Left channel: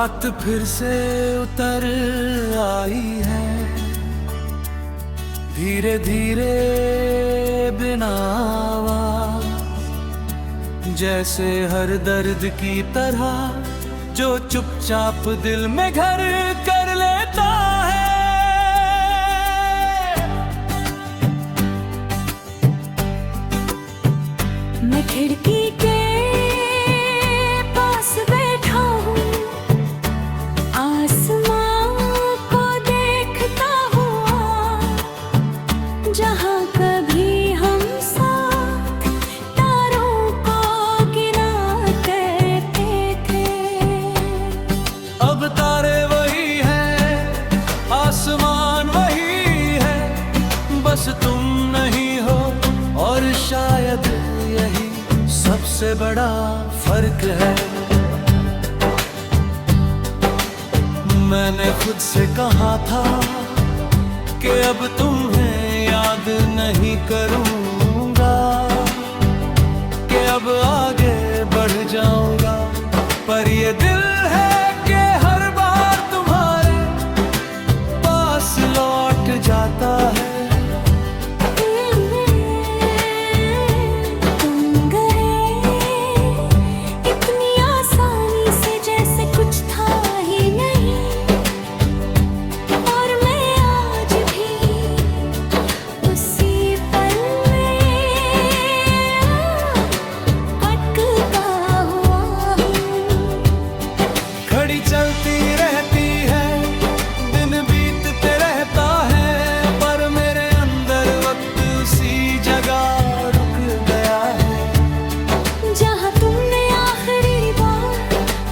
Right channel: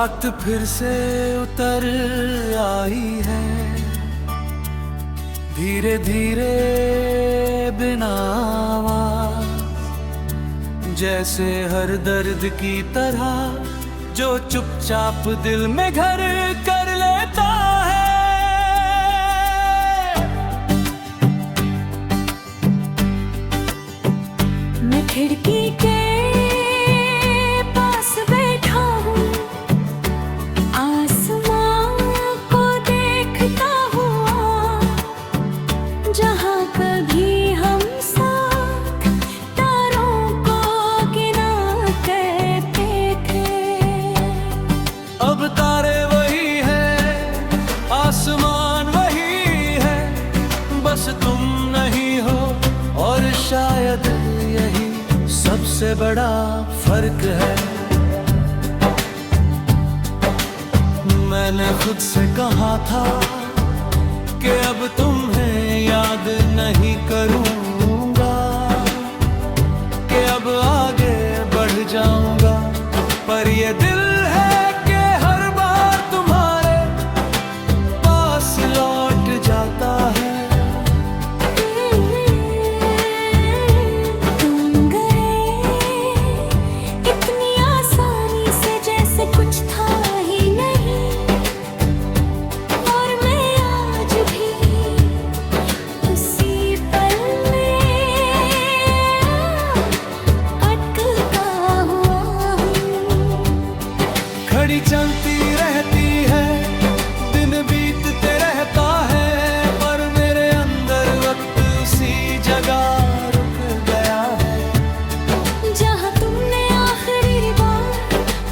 रात फिर से उतर आई है, धीरे धीरे बिना आवाज, जैसे हर दर्द की तरह जो चुपचाप दिल में घर कर लेता है। मैं खिड़की के पास बैठा हूँ, आसमां को देखता हुआ, जहाँ कभी हम साथ तारों को गिना करते थे। अब तारे वही हैं, आसमान वही है, बस तुम नहीं हो और शायद यही सबसे बड़ा फर्क है। मैंने खुद से कहा था कि अब तुम्हें याद नहीं करूंगा, कि अब आगे बढ़ जाऊंगा, पर ये दिल है कि हर बार तुम्हारे पास लौट जाता है। कुछ था ही नहीं, और मैं आज भी उसी पल में अटका हुआ हूँ। घड़ी चलती रहती है, दिन बीतते रहता है, पर मेरे अंदर वक्त उसी जगह रुक गया है, जहाँ तुमने आखिरी बार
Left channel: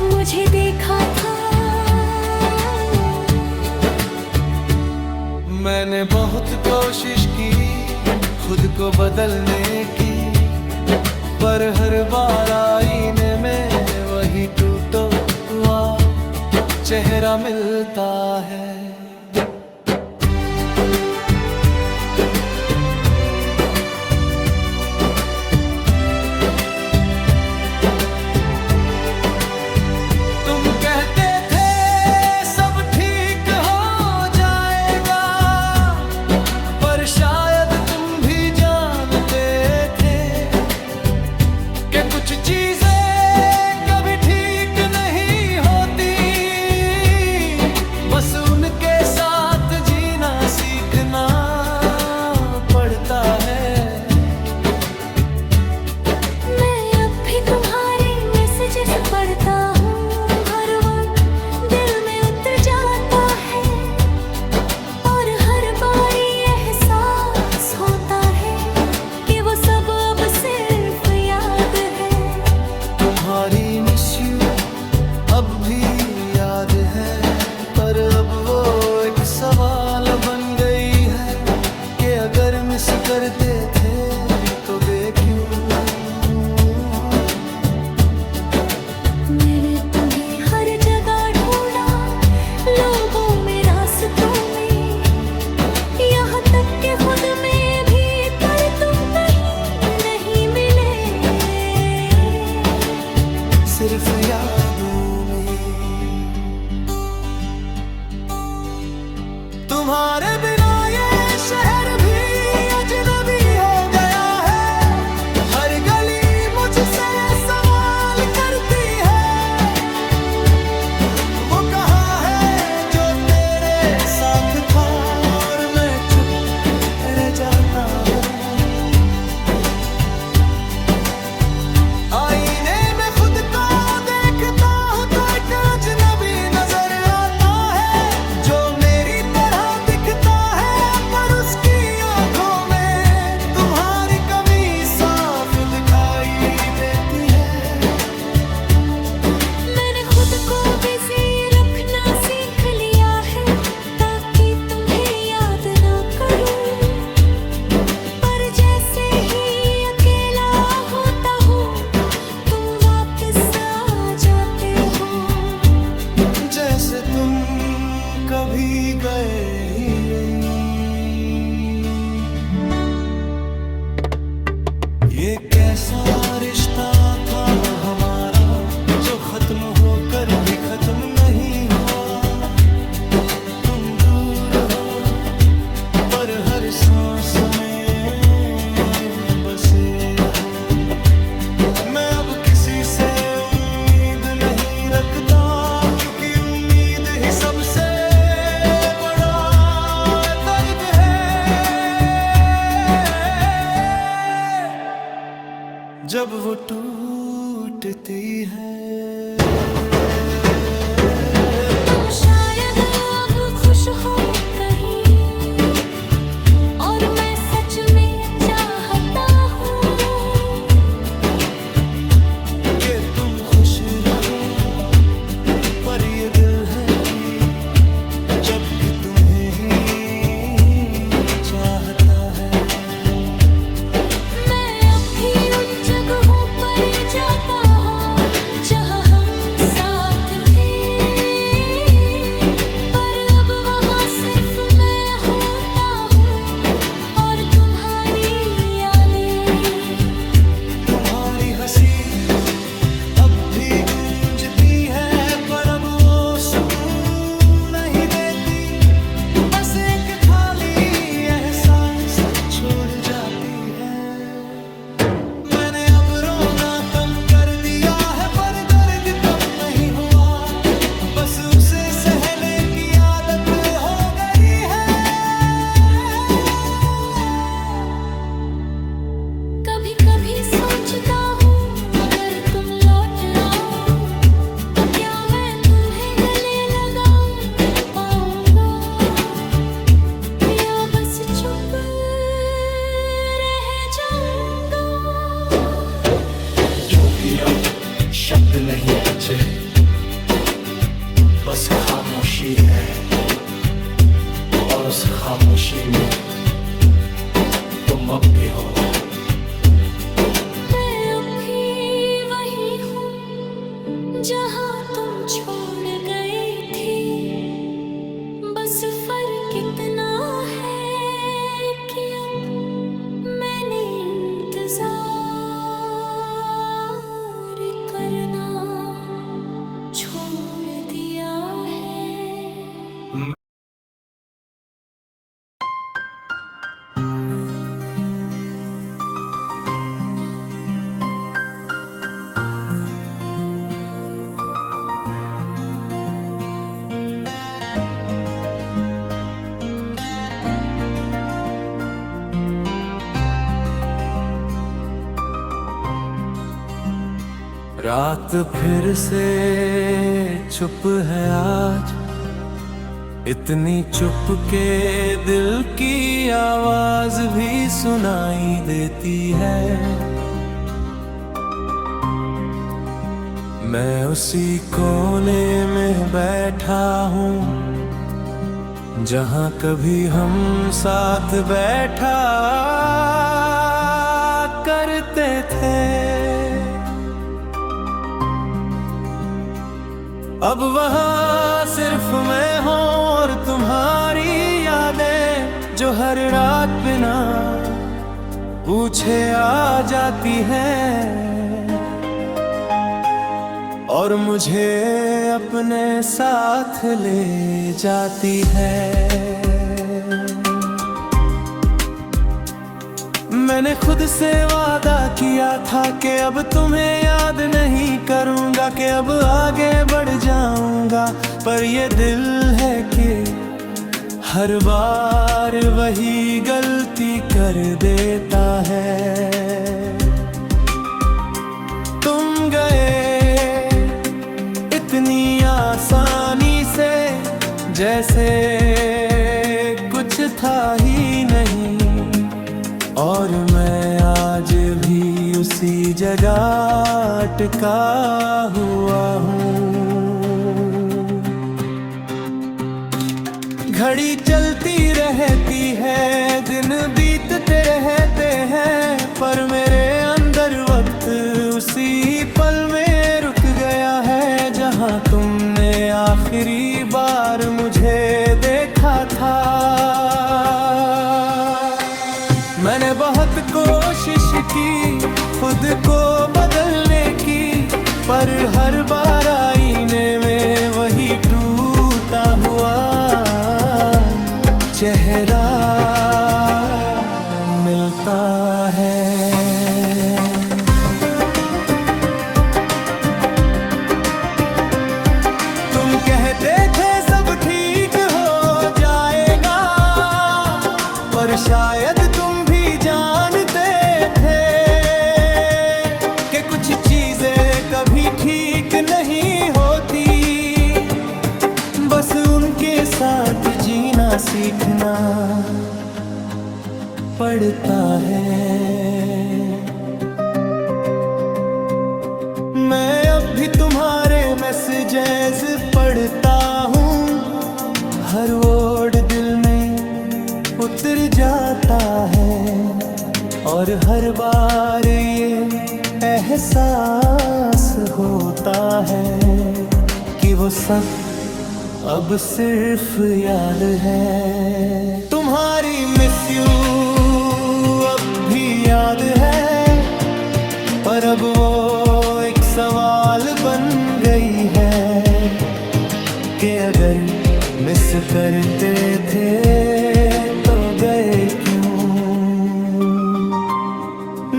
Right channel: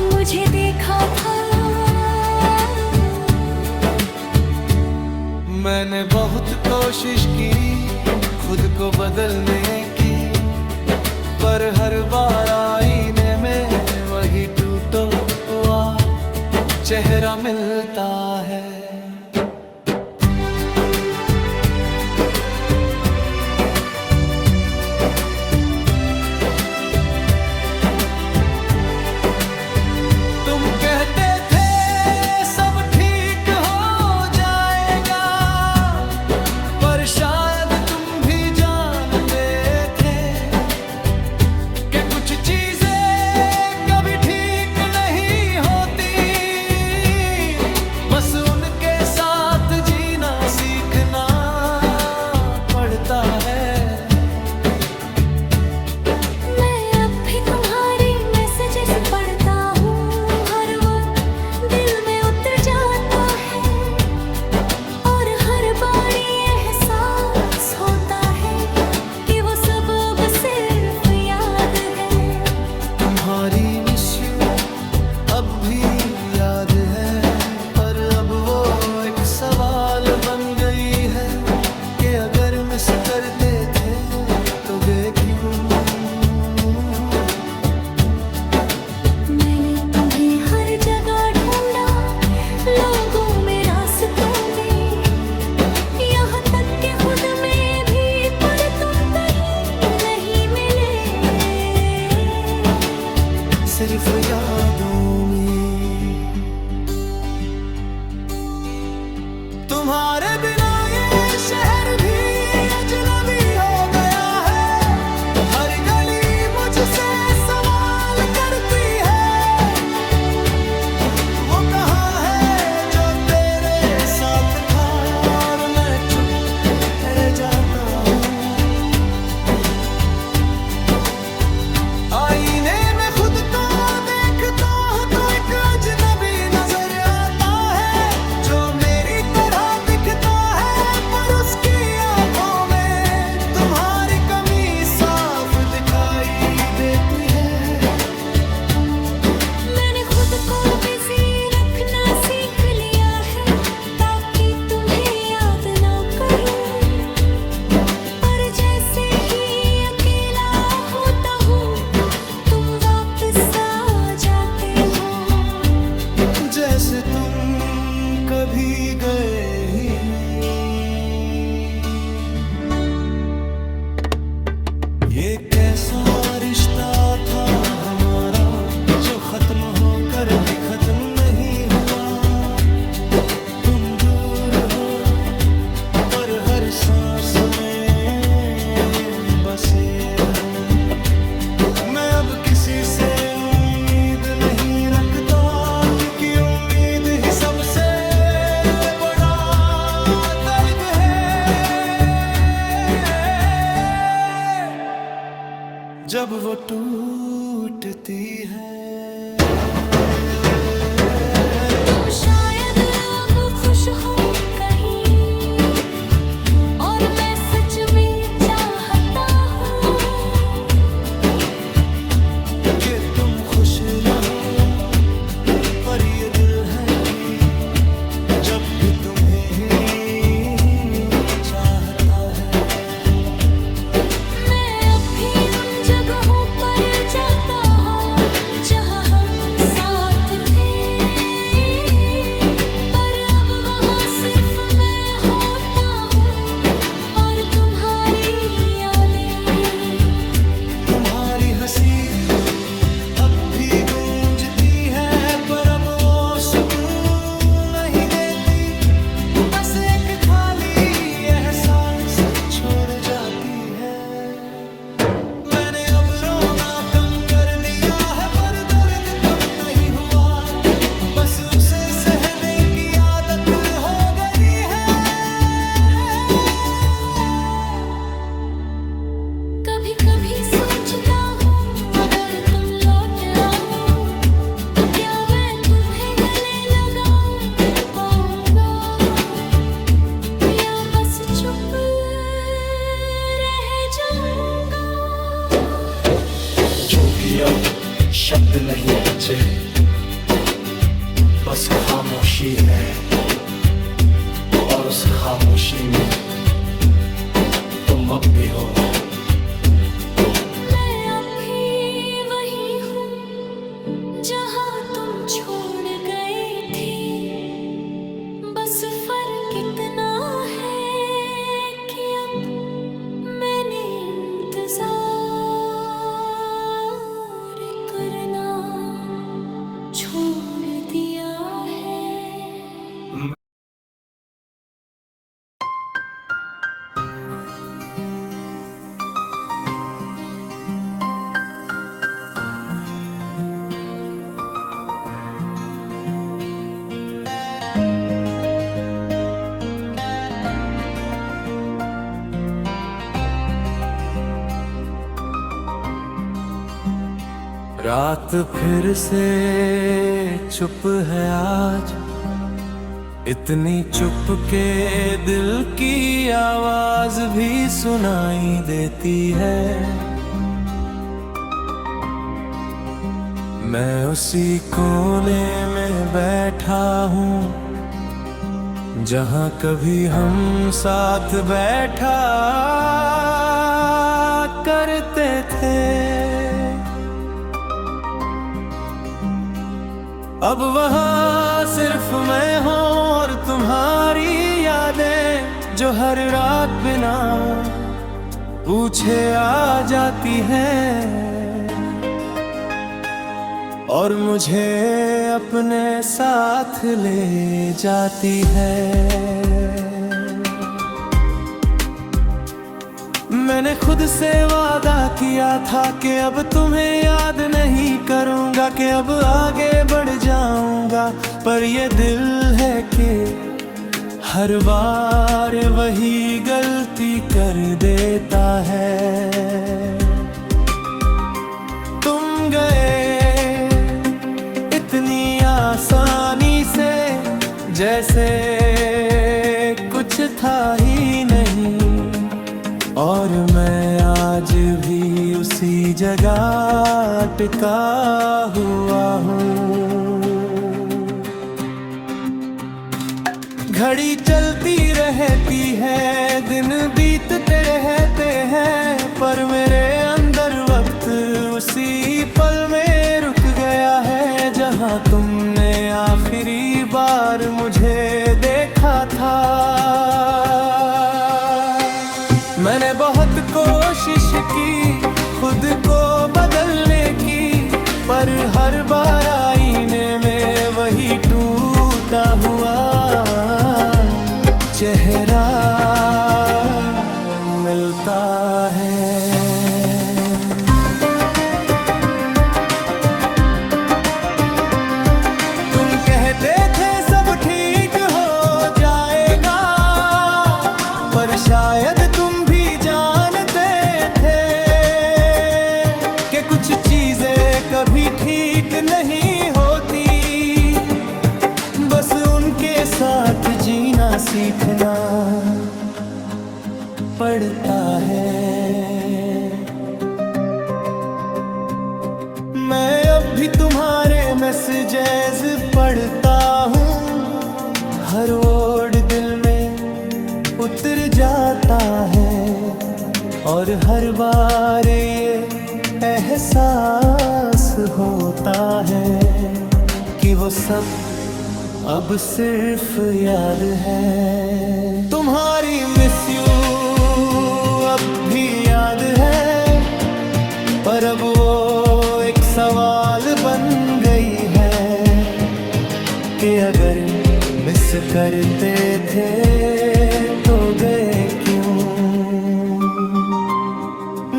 मुझे देखा था। मैंने बहुत कोशिश की खुद को बदलने की, पर हर बार आईने में वही टूटा हुआ चेहरा मिलता है। तुम कहते थे सब ठीक हो जाएगा, पर शायद तुम भी जानते थे कि कुछ चीजें कभी ठीक नहीं होती, बस उनके साथ जीना सीखना पड़ता है। मैं अब भी तुम्हारी मैसेजेस पढ़ता हूँ, तुम्हारी मिस यू अब भी याद है, पर अब वो एक सवाल बन गई है कि अगर मिस करते थे तो गे क्यों। मैंने तुम्हें हर जगह ढूंढा, लोगों में, रास्तों में, यहाँ तक के खुद में भी, पर तुम कहीं नहीं मिले, सिर्फ यादों में। तुम्हारे बिना ये शहर भी अजनबी हो गया है, हर गली मुझसे सवाल करती है, वो कहाँ है जो तेरे साथ था, और मैं चुप रह जाता हूँ। आईने में खुद को देखता हूँ तो एक अजनबी नजर आता है, जो मेरी तरह दिखता है, पर उसकी आंखों में तुम्हारी कमी साफ दिखाई देती है। मैंने खुद को बिजी रखना सीख लिया है, ताकि तुम्हें याद ना करूं, पर जैसे ही अकेला होता हूँ तुम वापस आ जाते हो, जैसे तुम कभी गए ही नहीं। ये कैसा रिश्ता था हमारा, जो खत्म होकर भी खत्म नहीं हुआ। तुम दूर हो पर हर सांस में बसे हो। मैं अब किसी से उम्मीद नहीं रखता, क्योंकि उम्मीद ही सबसे बड़ा दर्द है। जब वो टूटती है। तुम शायद अब खुश हो कहीं, और मैं सच में चाहता हूँ कि तुम खुश रहो। पर ये दिल है कि जब भी तुम्हें ही चाहता है। मैं अब भी उन जगहों पर जाता हूँ जहाँ हम साथ थे, पर अब वहाँ सिर्फ मैं होता हूँ और तुम्हारी यादें। तुम्हारी हंसी अब भी गूंजती है, पर अब वो सुकून नहीं देती। बस एक खाली एहसास छोड़ जाती है। मैंने अब रोना कम कर दिया है, पर दर्द कम नहीं हुआ। बस उसे सहने की आदत हो गई है। कभी कभी सोचता हूँ अगर तुम लौट आओ तो क्या मैं तुम्हें गले लगाऊं पाऊंगा, या बस चुप रह जाऊंगा। क्योंकि अब शब्द नहीं बचे, बस खामोशी है। और उस खामोशी में तुम अब भी हो। मैं अब भी वही हूँ जहाँ तुम छोड़ गए थे। बस फर्क इतना है कि अब मैंने इंतजार करना छोड़ दिया है। रात फिर से चुप है आज, इतनी चुप के दिल की आवाज भी सुनाई देती है। मैं उसी कोने में बैठा हूँ जहाँ कभी हम साथ बैठा करते थे। अब वहाँ सिर्फ मैं हूँ और तुम्हारी यादें, जो हर रात बिना पूछे आ जाती हैं और मुझे अपने साथ ले जाती है। मैंने खुद से वादा किया था कि अब तुम्हें याद नहीं करूंगा, कि अब आगे बढ़ जाऊंगा। पर ये दिल है कि हर बार वही गलती कर देता है। तुम गए इतनी आसानी से, जैसे कुछ था ही नहीं। और मैं आज भी उसी जगह अटका हुआ हूँ। घड़ी चलती रहती है, दिन बीतते रहते हैं, पर मेरे अंदर वक्त उसी पल में रुक गया है जहाँ तुमने आखिरी बार मुझे देखा था। मैंने बहुत कोशिश की खुद को बदलने की, पर हर बार आईने में वही टूटा हुआ चेहरा मिलता है। तुम कहते थे सब ठीक हो जाएगा, पर शायद तुम भी जानते थे कि कुछ चीजें कभी ठीक नहीं होती, बस उनके साथ जीना सीखना पड़ता है। मैं अब भी तुम्हारे मैसेजेस पढ़ता हूँ, हर वर्ड दिल में उतर जाता है, और हर बार ये एहसास होता है कि वो सब अब सिर्फ याद है। तुम्हारी मिस यू अब भी याद है, पर अब वो एक सवाल बन गई है कि अगर मिस करते थे तो गए क्यों।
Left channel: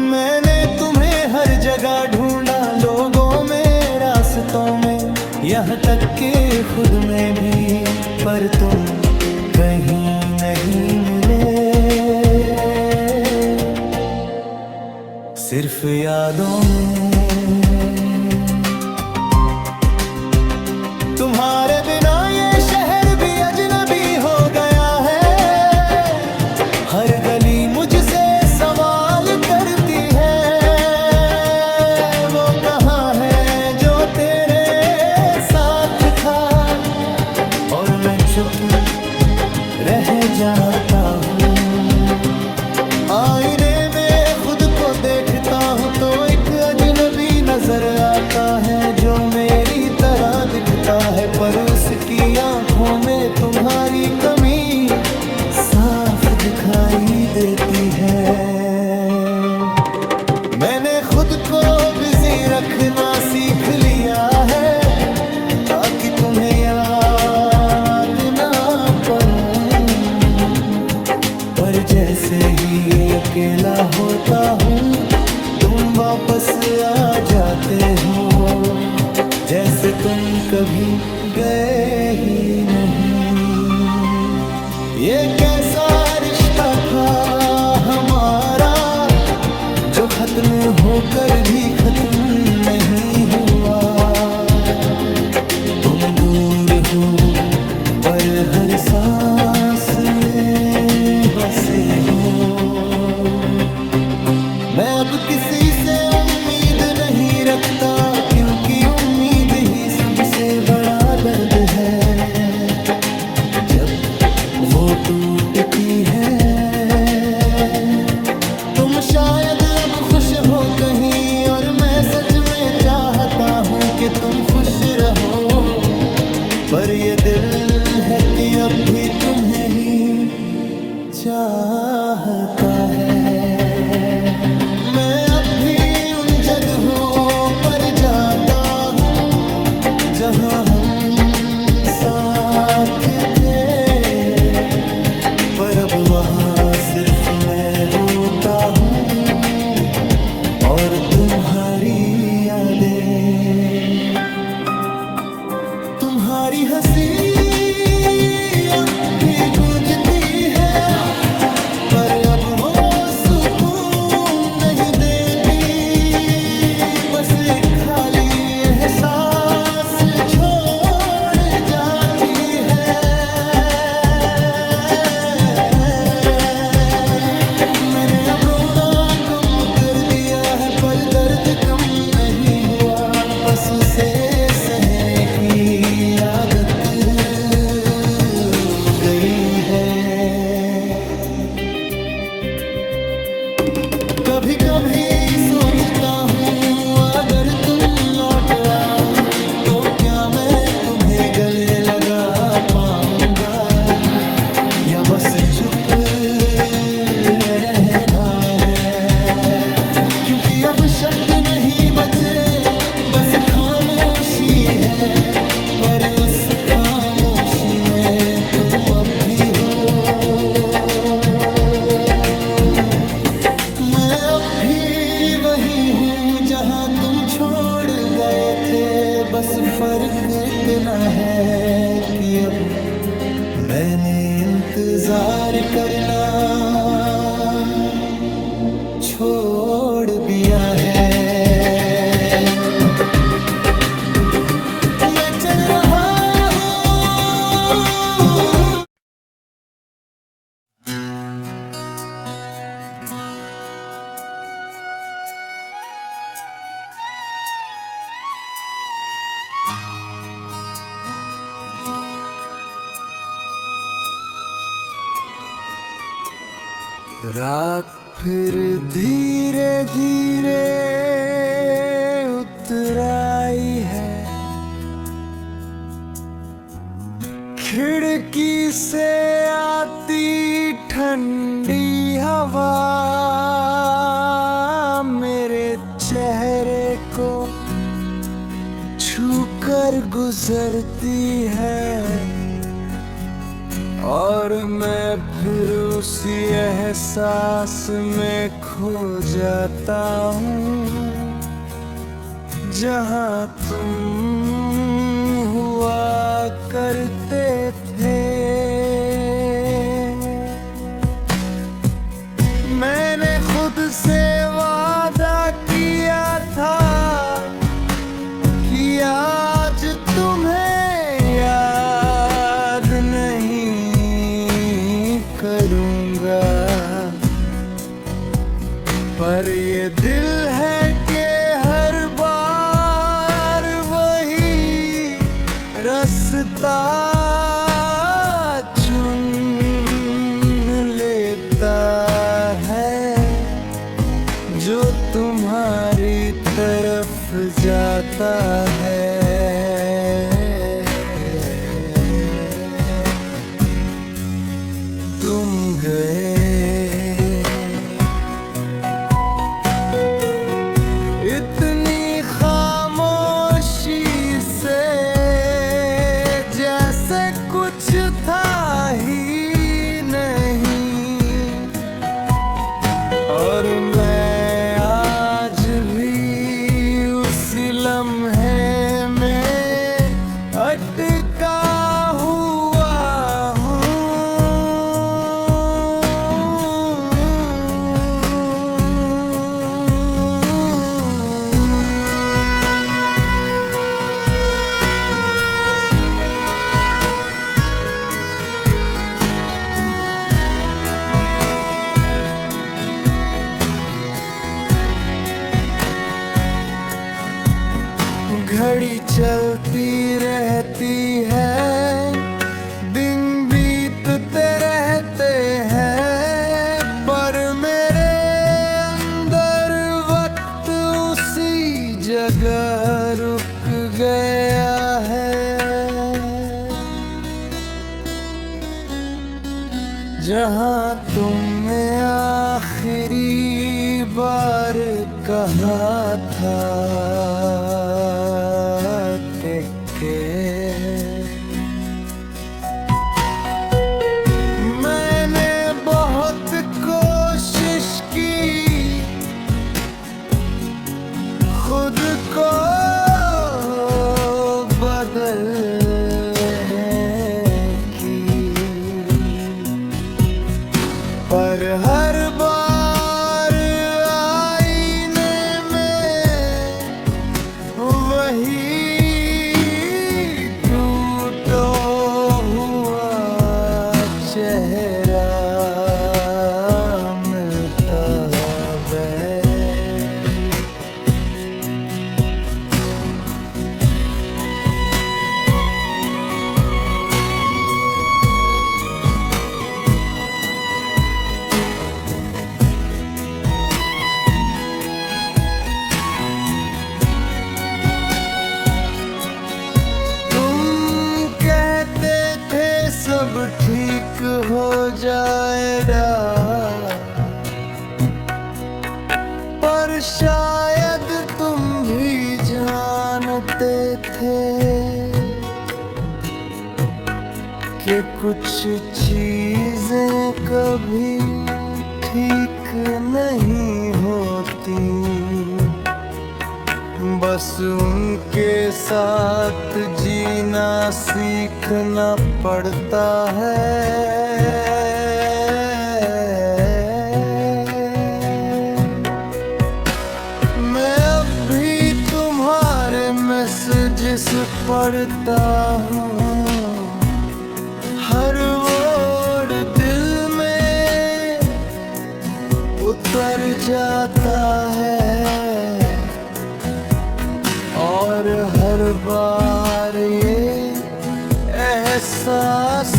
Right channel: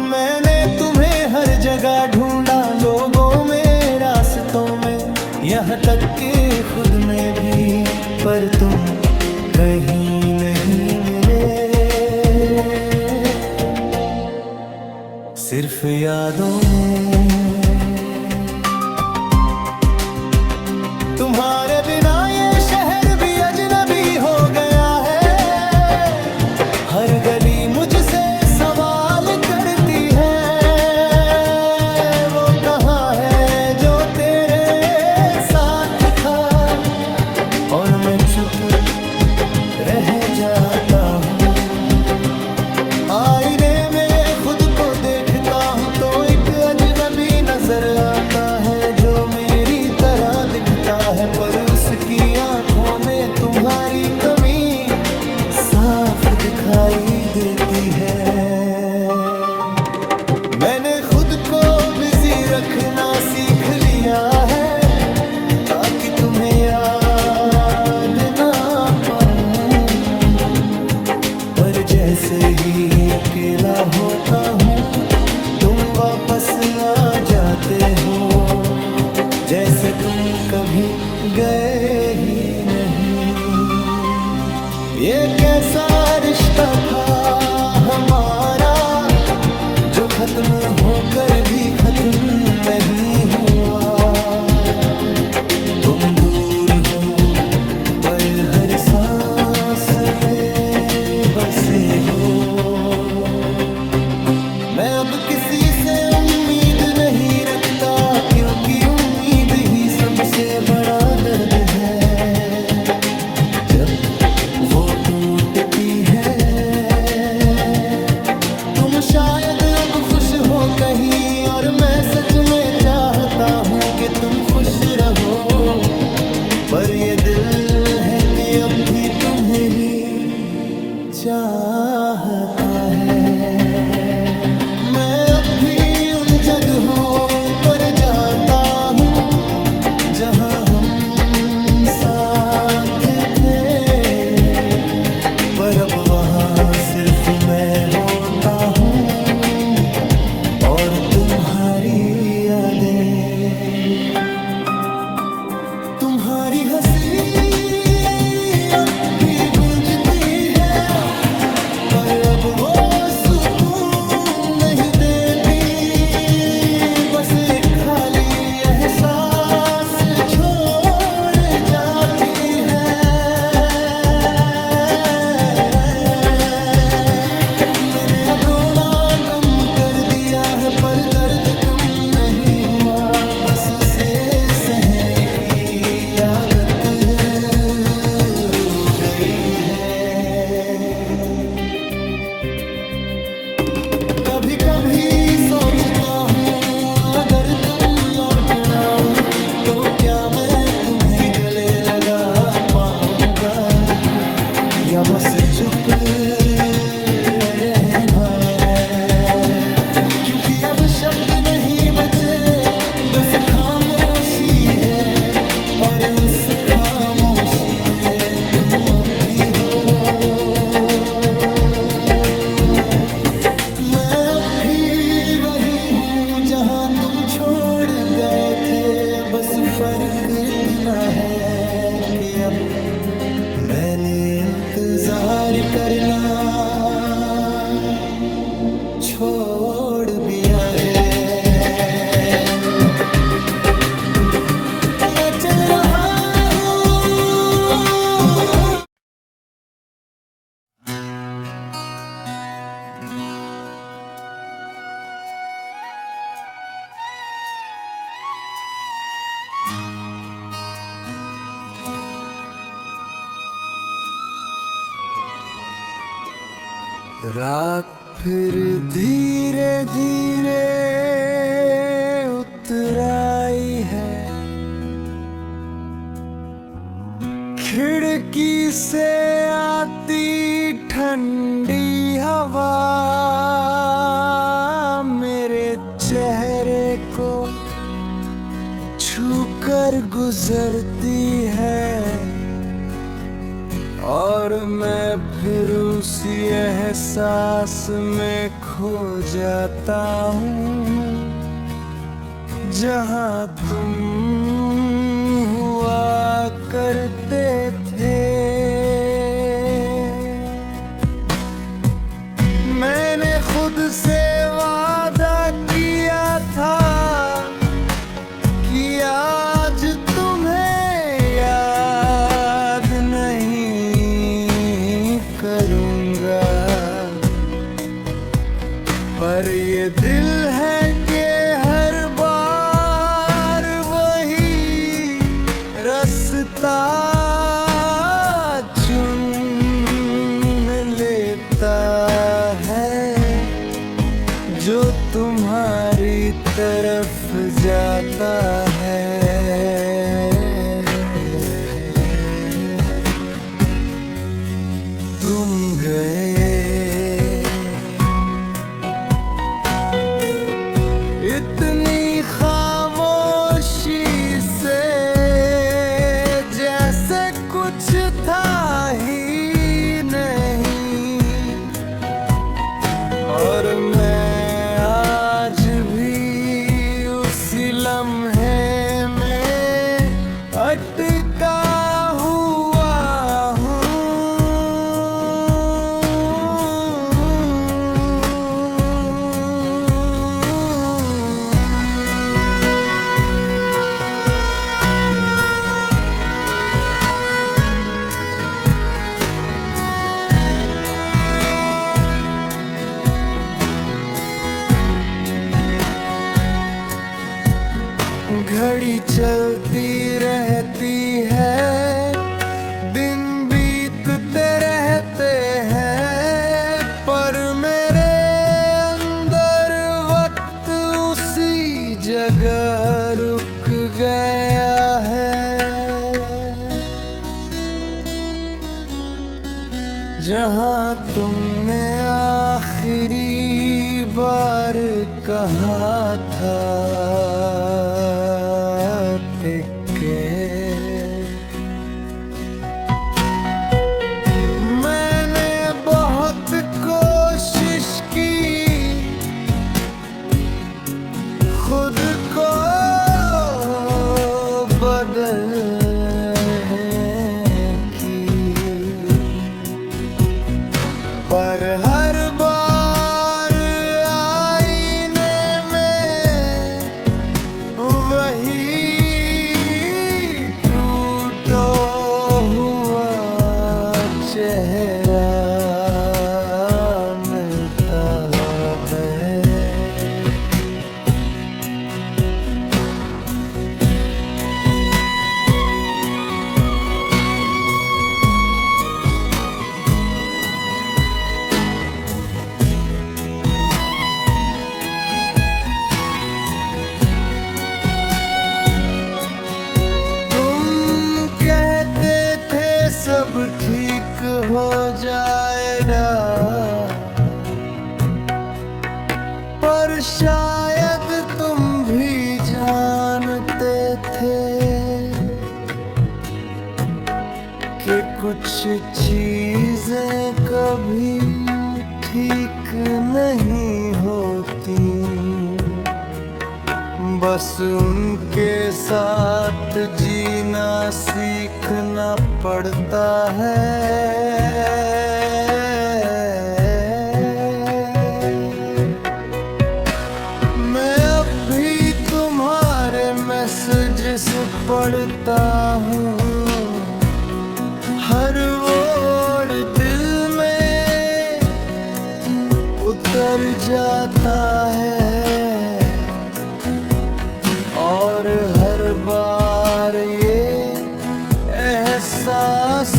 मैंने तुम्हें हर जगह ढूंढा, लोगों में, रास्तों में, यहाँ तक कि खुद में भी, पर तुम कहीं नहीं मिले, सिर्फ यादों में। तुम्हारे बिना ये शहर भी अजनबी हो गया है, हर गली मुझसे सवाल करती है, वो कहाँ है जो तेरे साथ था, और मैं चुप रह जाता हूँ। आईने में खुद को देखता हूँ तो एक अजनबी नजर आता है जो मेरी तरह दिखता है, पर उसकी आंखों में तुम्हारी कमी साफ दिखाई देती है। मैंने खुद को बिजी रखना सीख लिया है, ताकि तुम्हें याद ना पड़ूं, पर जैसे ही अकेला होता हूँ तुम वापस आ जाते हो, जैसे तुम कभी गए ही नहीं। ये कैसा रिश्ता था हमारा जो खत्म होकर भी खत्म नहीं हुआ। तुम दूर हो पर हर सांस में बसे हो। मैं अब किसी से उम्मीद नहीं रखता, क्योंकि उम्मीद ही सबसे बड़ा दर्द है जब वो टूटती है। तुम शायद अब खुश हो कहीं, और मैं सच में चाहता हूँ कि तुम खुश रहो, पर ये दिल है कि अब भी तुम्हें ही चाहता है। मैं अब भी उन जगहों पर जाता हूँ जहाँ हम साथ थे, पर अब वहाँ सिर्फ मैं होता हूँ और तुम्हारी यादें। तुम्हारी हंसी अब भी गूंजती है, पर अब वो सुकून नहीं देती, बस एक खाली एहसास छोड़ जाती है। मैंने अब रोना कम कर दिया है, पर दर्द कम नहीं हुआ, बस उसे सहने की आदत हो गई है। कभी कभी सोचता हूँ अगर तुम लौट आओ तो क्या मैं तुम्हें गले लगा पाऊंगा, या बस चुप रहना है, क्योंकि अब शब्द नहीं बचे, बस खामोशी है, और उस खामोशी में तुम अब भी हो। मैं अब भी वही हूँ जहाँ तुम छोड़ गए थे, बस फर्क इतना है कि अब मैंने इंतजार करना छोड़ दिया है। मैं चल रहा हूँ। रात फिर धीरे धीरे उतर आई है, खिड़की से आती ठंडी हवा मेरे चेहरे को छूकर गुजरती है, और मैं फिर उसी एहसास में खो जाता हूँ जहाँ तुम हुआ करते थे। मैंने खुद से वादा किया था कि आज तुम्हें याद नहीं करूँगा, पर ये दिल है कि हर बार वही रास्ता चुन लेता है जो तुम्हारी तरफ जाता है। तुम गए इतनी खामोशी से, जैसे कुछ था ही नहीं, और मैं आज भी उसी लम्हे में अटका हुआ हूँ। घड़ी चलती रहती है, दिन बीतते रहते हैं, पर मेरे अंदर वक्त उसी जगह रुक गया है जहाँ तुमने आखिरी बार कहा था टिके। मैंने बहुत कोशिश की खुद को बदलने की, पर हर बार आईने में वही टूटा हुआ चेहरा मिलता है। सब ठीक हो जाएगा, पर शायद तुम भी जानते थे कि कुछ चीजें कभी ठीक नहीं होती, बस उनके साथ जीना सीखना पड़ता है। मैं अब भी तुम्हारे मैसेजेस पढ़ता हूँ, हर वर्ड दिल में उतर जाता है, और हर बार ये एहसास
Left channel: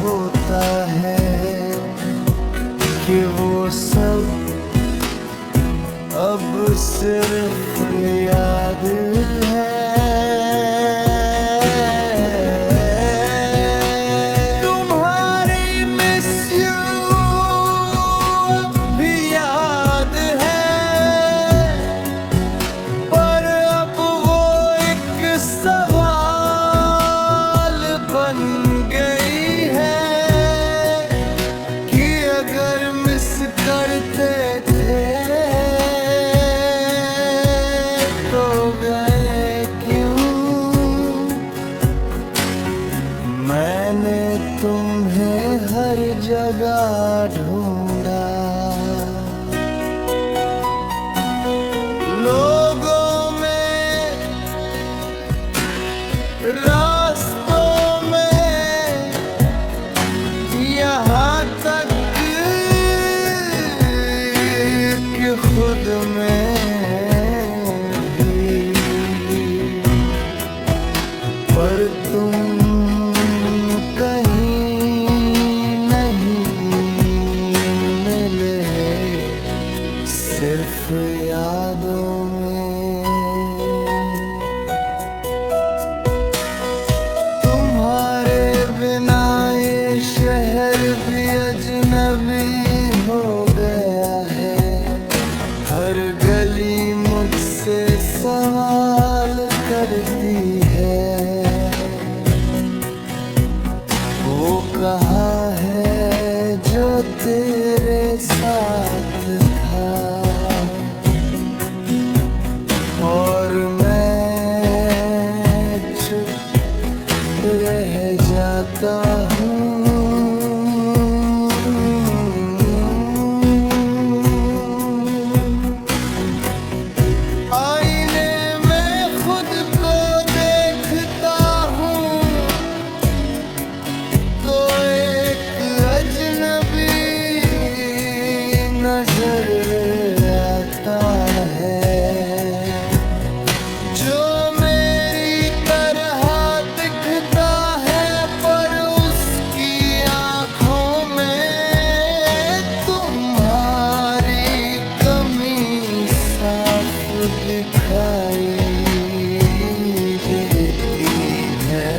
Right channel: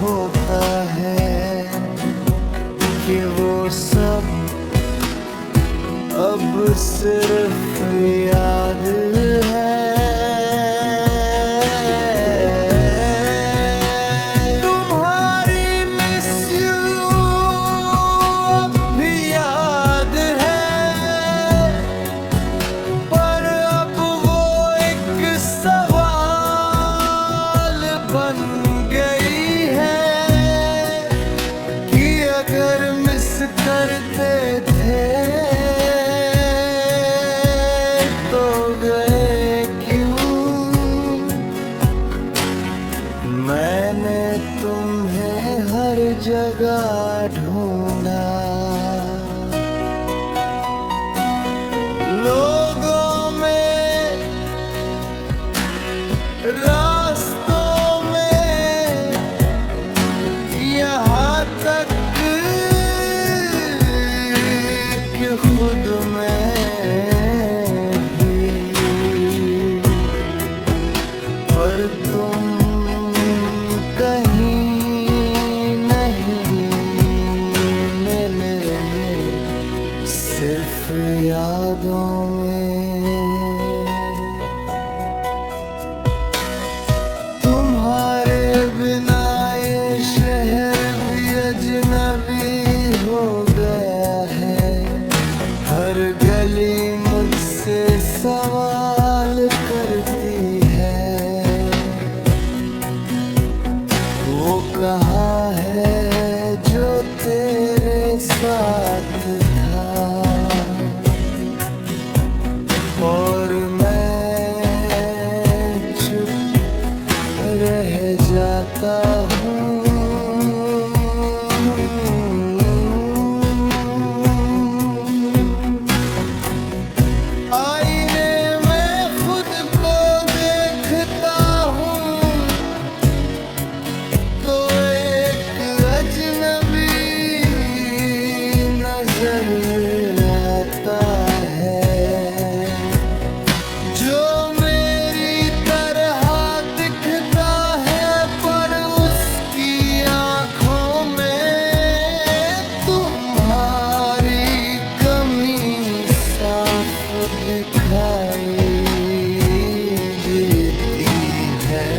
होता है कि वो सब अब सिर्फ याद है। अगर मिस करते थे तो गए क्यों? मैंने तुम्हें हर जगह ढूंढा, लोगों में, रास्तों में, यहाँ तक खुद में भी, पर तुम कहीं नहीं मिले, सिर्फ यादों में। तुम्हारे बिना ये शहर भी अजनबी हो गया है, हर गली मुझसे सवाल करती है, वो कहाँ है जो तेरे साथ था, और मैं चुप रह जाता हूँ। नजर आता है जो मेरी तरह दिखता है, पर उसकी आंखों में तुम्हारी कमी साफ दिखाई देती है।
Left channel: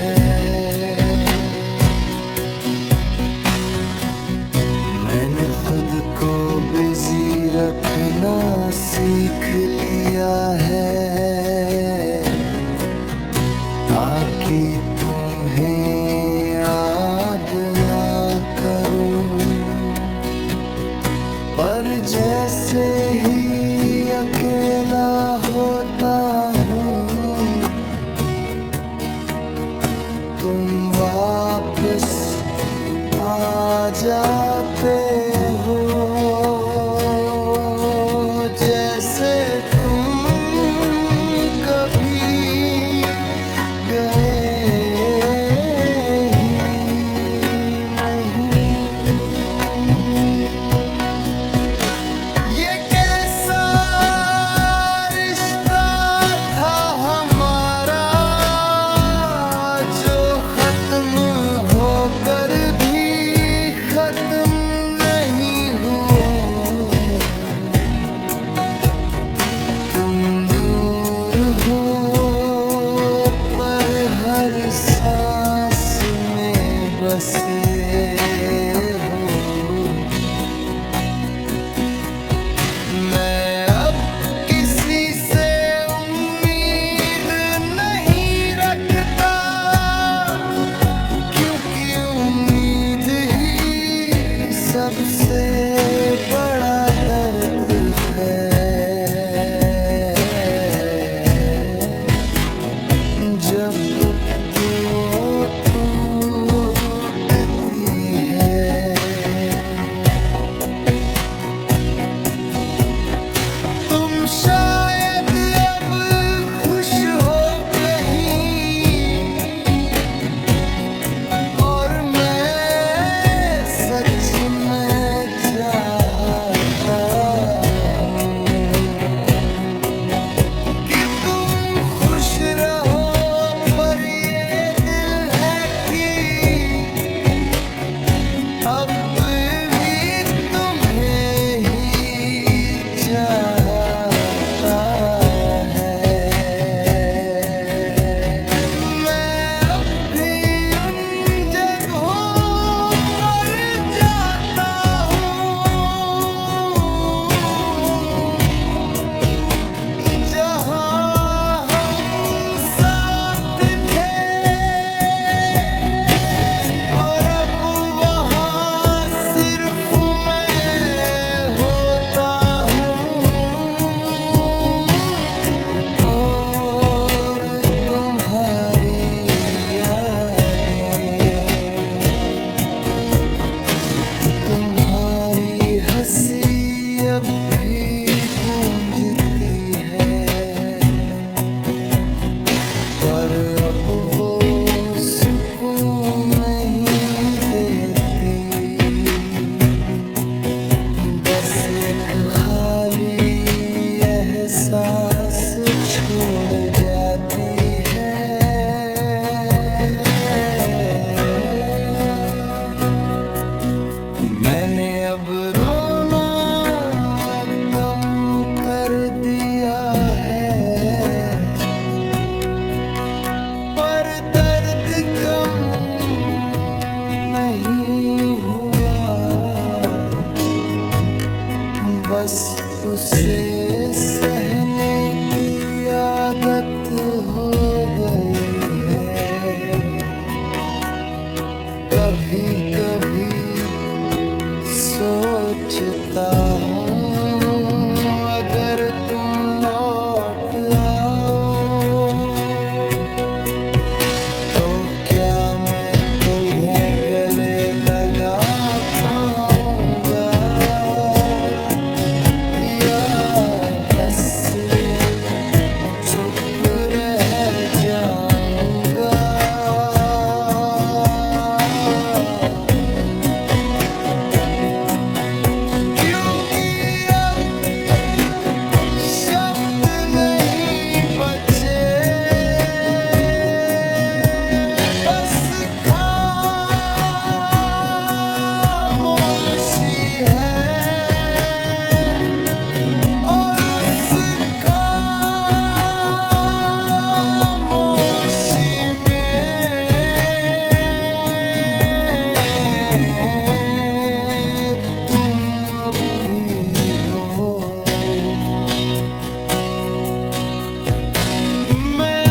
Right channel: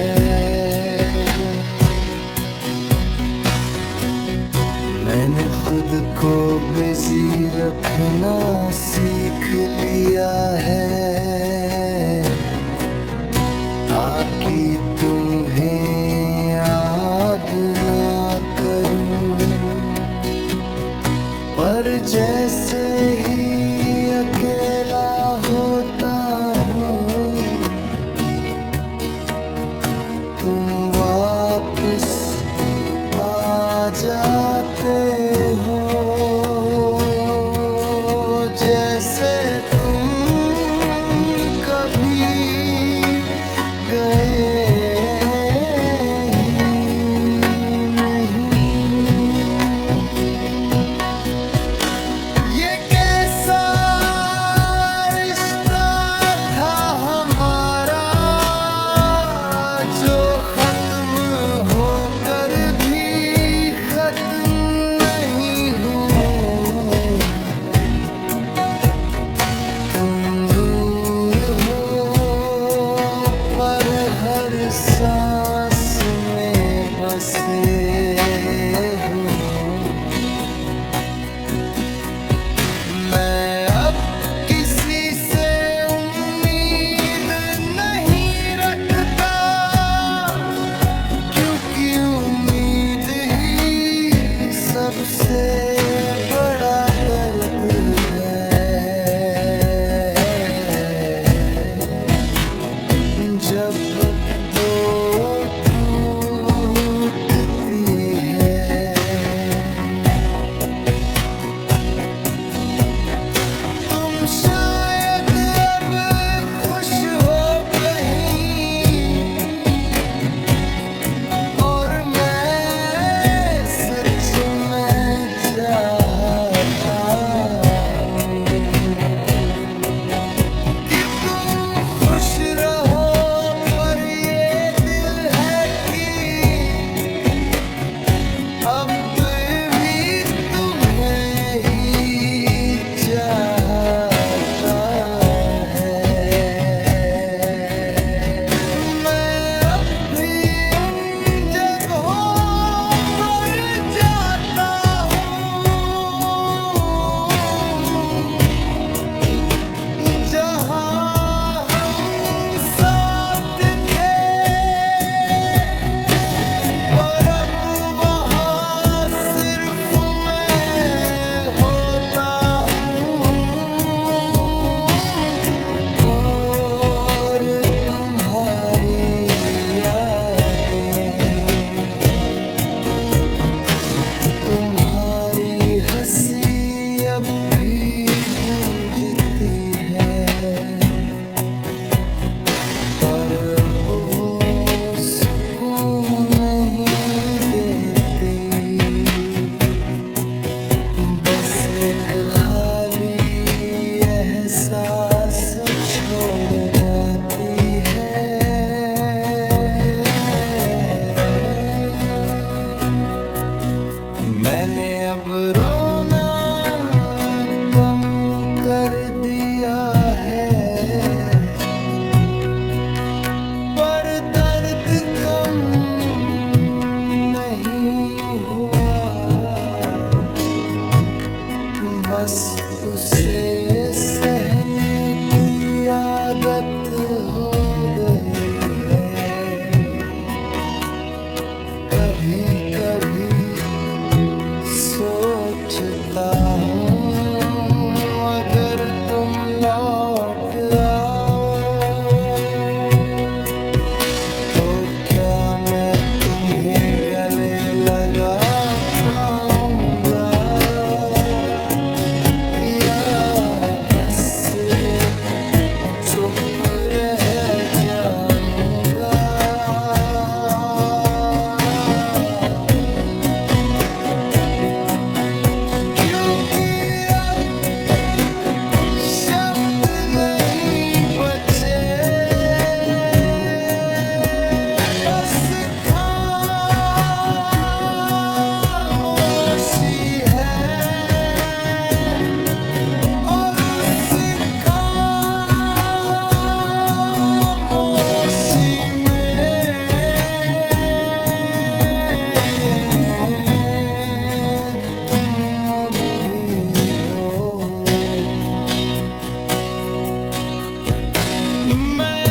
मैंने खुद को बिजी रखना सीख लिया है, ताकि तुम्हें याद ना करूं, पर जैसे ही अकेला होता हूँ, तुम वापस आ जाते हो, जैसे तुम कभी गए ही नहीं। ये कैसा रिश्ता था हमारा, जो खत्म होकर खत्म नहीं हुआ। तुम दूर हो पर हर सांस में बसे हो। मैं अब सबसे बड़ा दर्द है जब वो टूटती है। तुम शायद अब खुश हो कहीं और मैं सच में चाहता हूँ कि तुम खुश रहो, पर ये दिल है कि अब भी तुम्हें ही चाहता है। मैं अब भी उन जगहों पर जाता हूँ जहाँ हम साथ थे, पर अब वहाँ सिर्फ मैं होता हूँ और तुम्हारी यादें, तुम्हारी हंसी अब भी गूंजती है, पर अब वो सुकून नहीं देती। बस एक खाली एहसास छोड़ जाती है। मैंने अब रोना कम कर दिया है, पर दर्द कम नहीं हुआ। बस उसे सहने की आदत हो गई है। कभी कभी सोचता हूँ अगर तुम लौट आओ तो क्या मैं तुम्हें गले लगा पाऊंगा या बस चुप रह जाऊंगा। क्योंकि अब शब्द नहीं बचे, बस खामोशी है और उस खामोशी में तुम अब भी हो। मैं